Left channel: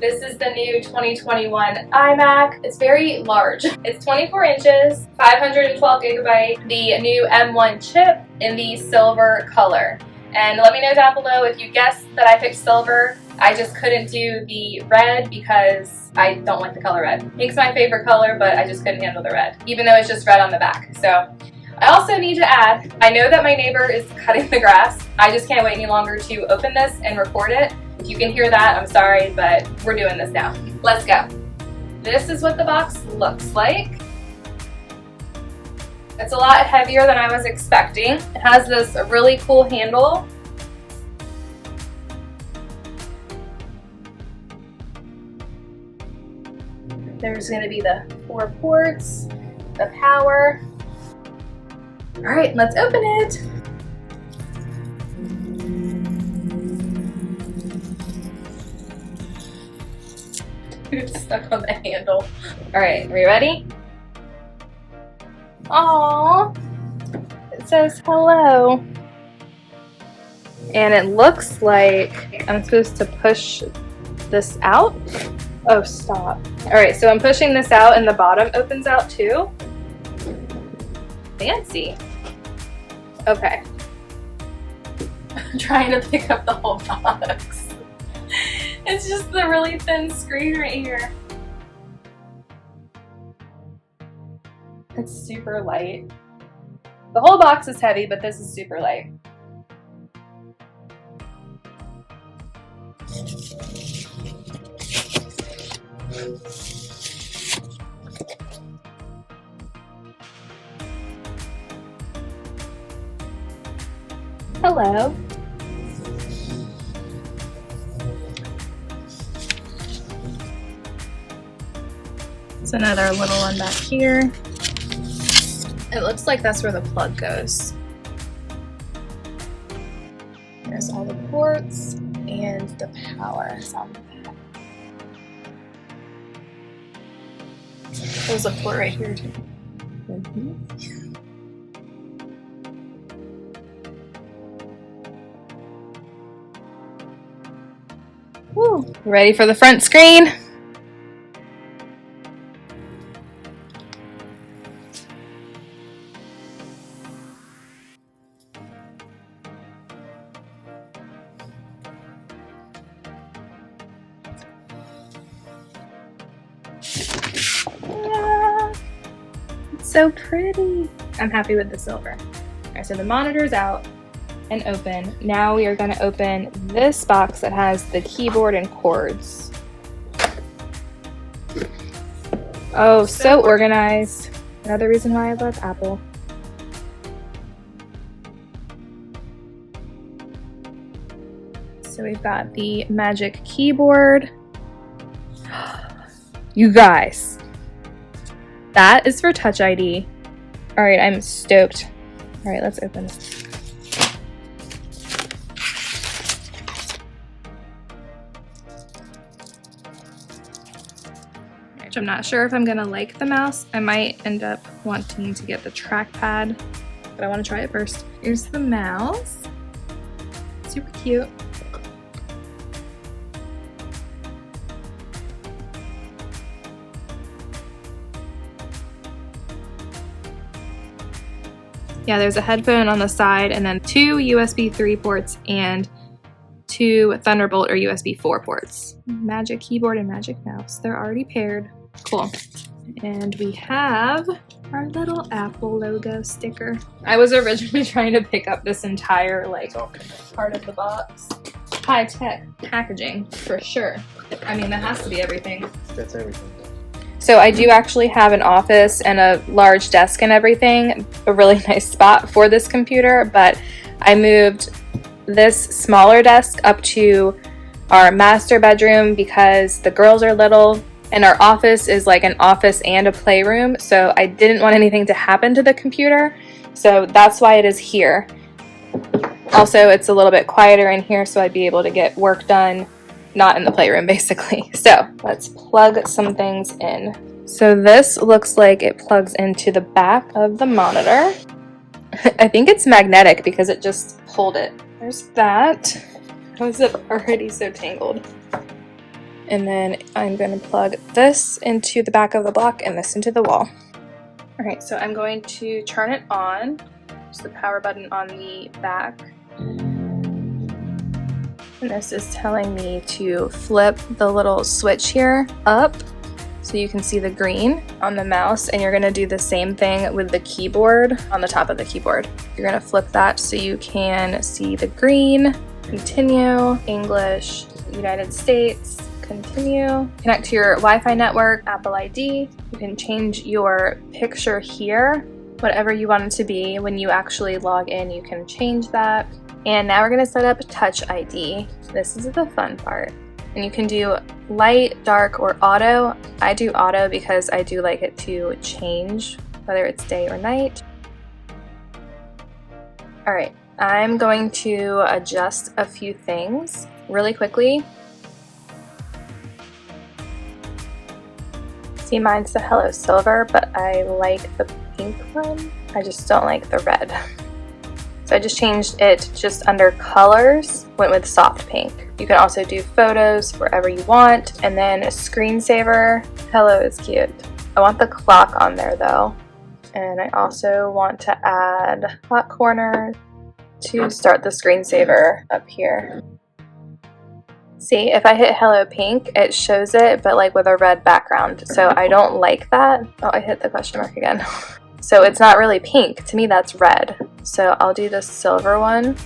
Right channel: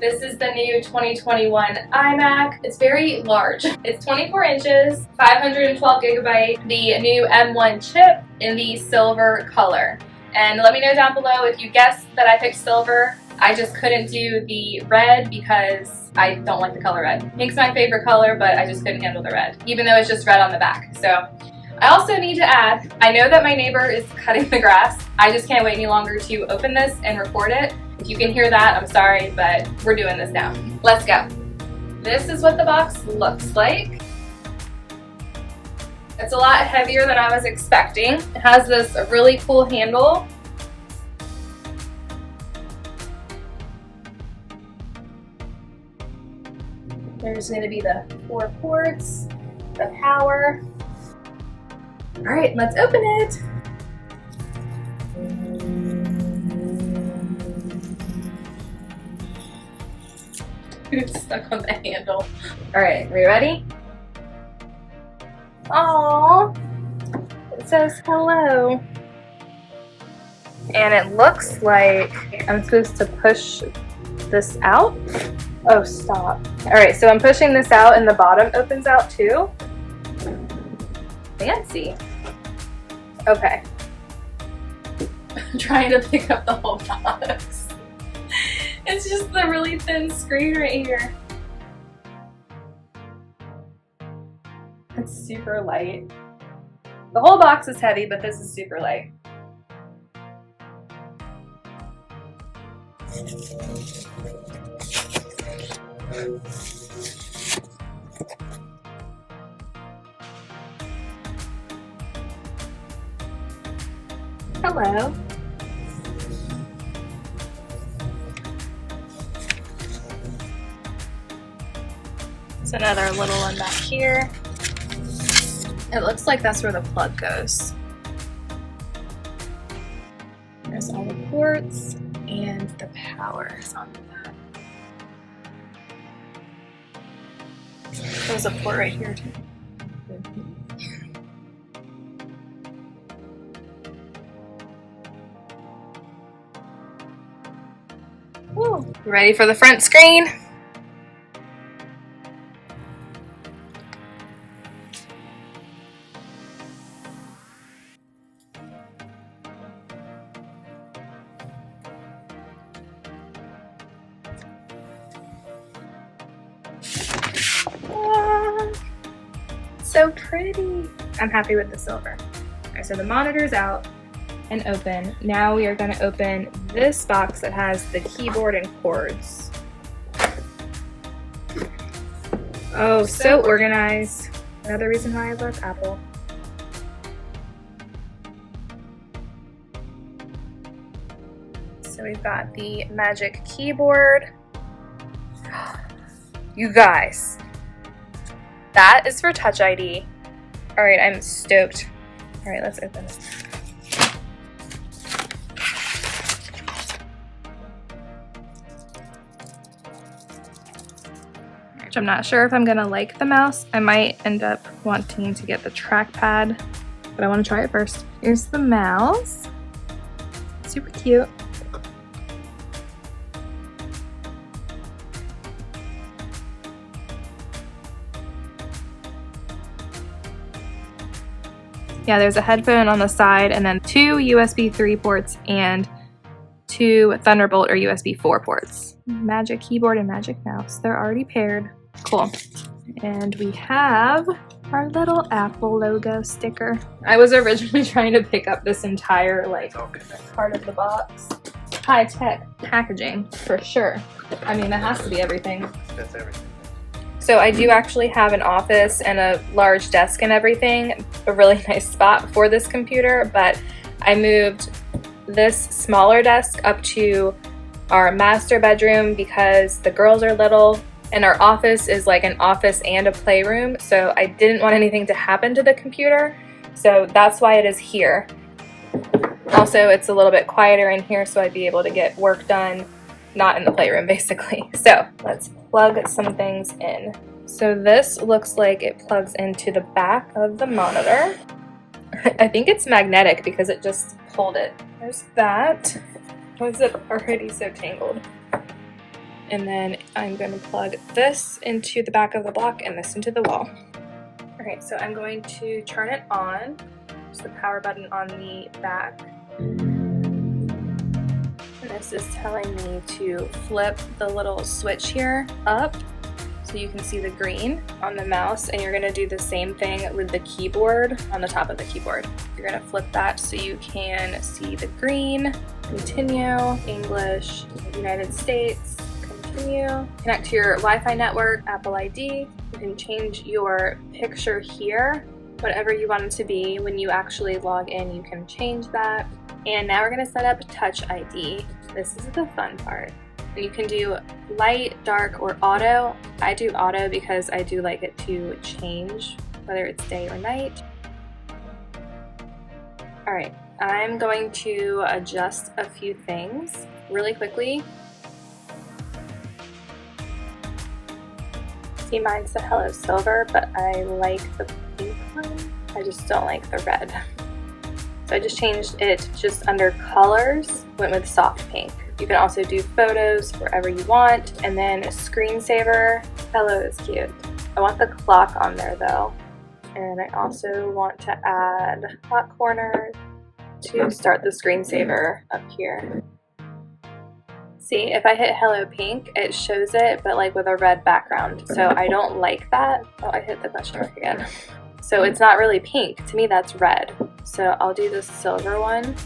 This is the new 2021 iMac. It's very large. It's 24 inches, 512 gigabyte, the new M1 chip in the silver color. And let me know down below if you guessed that I picked silver. I just couldn't do the red because I don't like the color red. Pink's my favorite color, but I just couldn't handle the red, even though it's just red on the back. So I also need to add, I know that my neighbor is cutting the grass. I just can't wait any longer to open this and record it. If you can hear that, I'm sorry, but we're doing this now. Let's go. This is what the box looks like. It's a lot heavier than I was expecting. It has this really cool handle. There's going to be the 4 ports, the power. All right, let's open it. It's stuck on the handle. All right, are we ready? Aww, it says hello. And it looks like I'm supposed to push this out. Oh, stop. All right, so I'm pushing this out and the bottom opens out too. Fancy. Okay. I'm trying to pick up the whole box. It's just the really thin screen right here. It's super light. The whole box is heavy, but this is super light. Hello. There's another little one back here. It looks like that's where the plug goes. There's all the ports and the power is on the back. There's a port right here too. Woo. Ready for the front screen? It's so pretty. I'm happy with the silver. All right, so the monitor's out and open. Now we are going to open this box that has the keyboard and cords. Oh, so organized. Another reason why I love Apple. So we've got the Magic Keyboard. You guys, that is for Touch ID. All right, I'm stoked. All right, let's open this. I'm not sure if I'm gonna like the mouse. I might end up wanting to get the trackpad, but I want to try it first. Here's the mouse. Super cute. Yeah, there's a headphone on the side and then 2 USB 3 ports and 2 Thunderbolt or USB 4 ports. Magic keyboard and Magic mouse. They're already paired. Cool. And we have our little Apple logo sticker. I was originally trying to pick up this entire part of the box. High-tech packaging for sure. I mean, that has to be everything. That's everything. So I do actually have an office and a large desk and everything, a really nice spot for this computer, but I moved this smaller desk up to our master bedroom because the girls are little and our office is like an office and a playroom, so I didn't want anything to happen to the computer, so that's why it is here. Also, it's a little bit quieter in here, so I'd be able to get work done, not in the playroom basically. So let's plug some things in. So this looks like it plugs into the back of the monitor. I think it's magnetic because it just pulled it. There's that. Why is it already so tangled? And then I'm going to plug this into the back of the block and this into the wall. All right, so I'm going to turn it on. Just the power button on the back. And this is telling me to flip the little switch here up so you can see the green on the mouse, and you're gonna do the same thing with the keyboard on the top of the keyboard. You're gonna flip that so you can see the green, continue, English, United States, continue, connect to your Wi-Fi network, Apple ID. You can change your picture here, whatever you want it to be. When you actually log in, you can change that. And now we're gonna set up Touch ID. This is the fun part. And you can do light, dark, or auto. I do auto because I do like it to change whether it's day or night. All right, I'm going to adjust a few things really quickly. See, mine's the Hello Silver, but I like the pink one. I just don't like the red. So I just changed it just under colors, went with soft pink. You can also do photos wherever you want, and then a screensaver. Hello is cute. I want the clock on there though. And I also want to add hot corner to start the screensaver up here. See, if I hit Hello Pink, it shows it, but like with a red background. So I don't like that. Oh, I hit the question mark again. So it's not really pink. To me, that's red. So I'll do the silver one.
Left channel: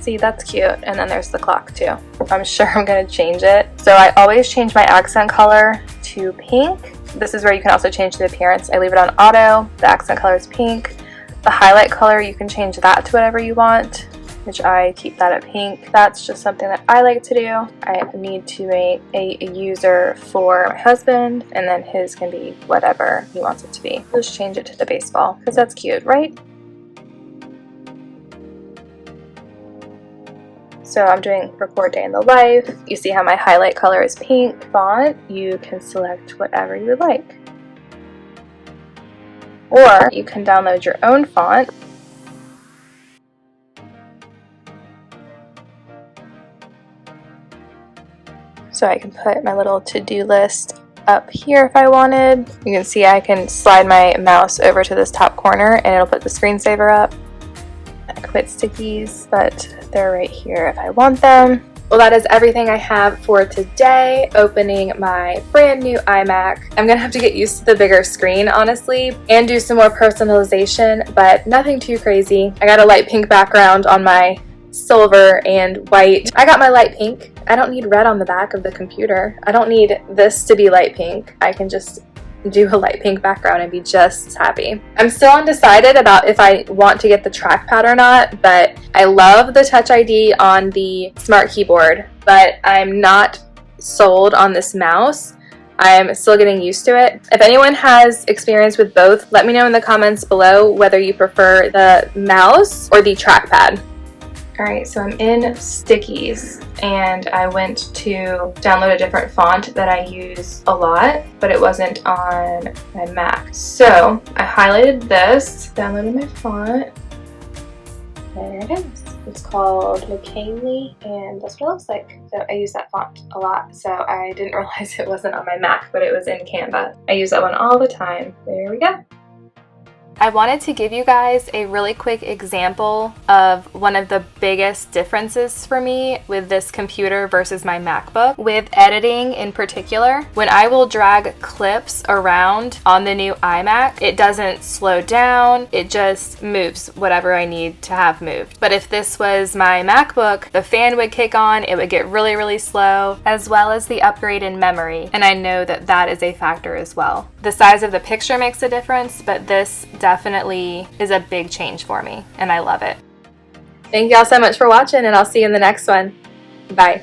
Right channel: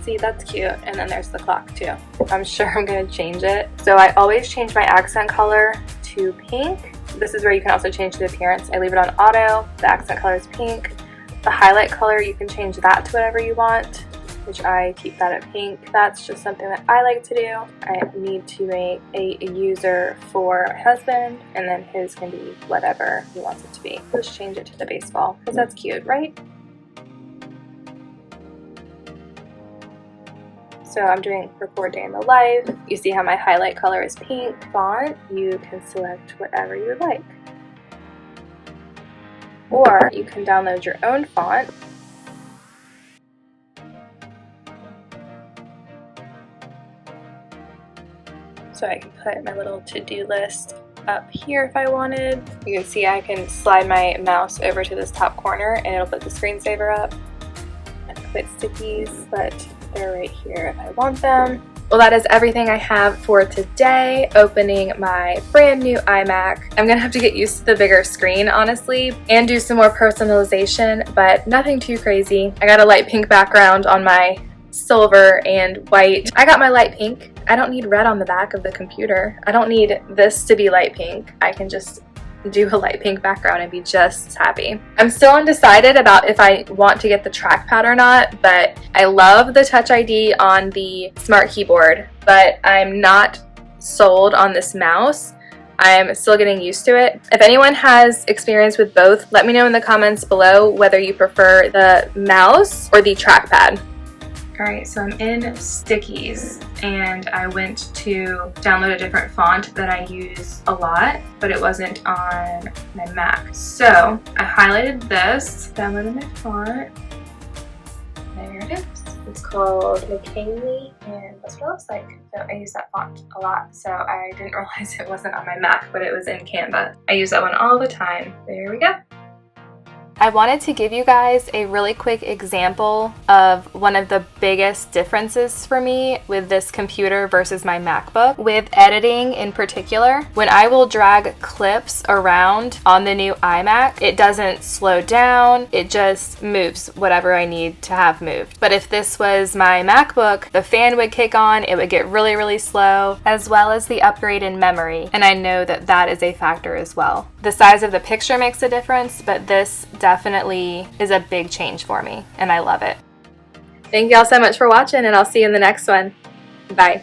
See, that's cute. And then there's the clock too. I'm sure I'm gonna change it. So I always change my accent color to pink. This is where you can also change the appearance. I leave it on auto. The accent color is pink. The highlight color, you can change that to whatever you want, which I keep that at pink. That's just something that I like to do. I need to make a user for my husband, and then his can be whatever he wants it to be. Just change it to the baseball, because that's cute, right? So I'm doing record day in the life. You see how my highlight color is pink. Font, you can select whatever you would like. Or you can download your own font. So I can put my little to-do list up here if I wanted. You can see I can slide my mouse over to this top corner and it'll put the screensaver up. I quit stickies, but they're right here if I want them. Well, that is everything I have for today. Opening my brand new iMac. I'm gonna have to get used to the bigger screen, honestly, and do some more personalization, but nothing too crazy. I got a light pink background on my silver and white. I got my light pink. I don't need red on the back of the computer. I don't need this to be light pink. I can just do a light pink background and be just as happy. I'm still undecided about if I want to get the trackpad or not, but I love the Touch ID on the smart keyboard, but I'm not sold on this mouse. I'm still getting used to it. If anyone has experience with both, let me know in the comments below whether you prefer the mouse or the trackpad. Alright, so I'm in Stickies and I went to download a different font that I use a lot, but it wasn't on my Mac. So I highlighted this, downloaded my font. There it is. It's called McKinley and that's what it looks like. So I use that font a lot, so I didn't realize it wasn't on my Mac, but it was in Canva. I use that one all the time. There we go. I wanted to give you guys a really quick example of one of the biggest differences for me with this computer versus my MacBook, with editing in particular. When I will drag clips around on the new iMac, it doesn't slow down, it just moves whatever I need to have moved. But if this was my MacBook, the fan would kick on, it would get really, really slow, as well as the upgrade in memory. And I know that that is a factor as well. The size of the picture makes a difference, but this definitely is a big change for me, and I love it. Thank y'all so much for watching, and I'll see you in the next one. Bye.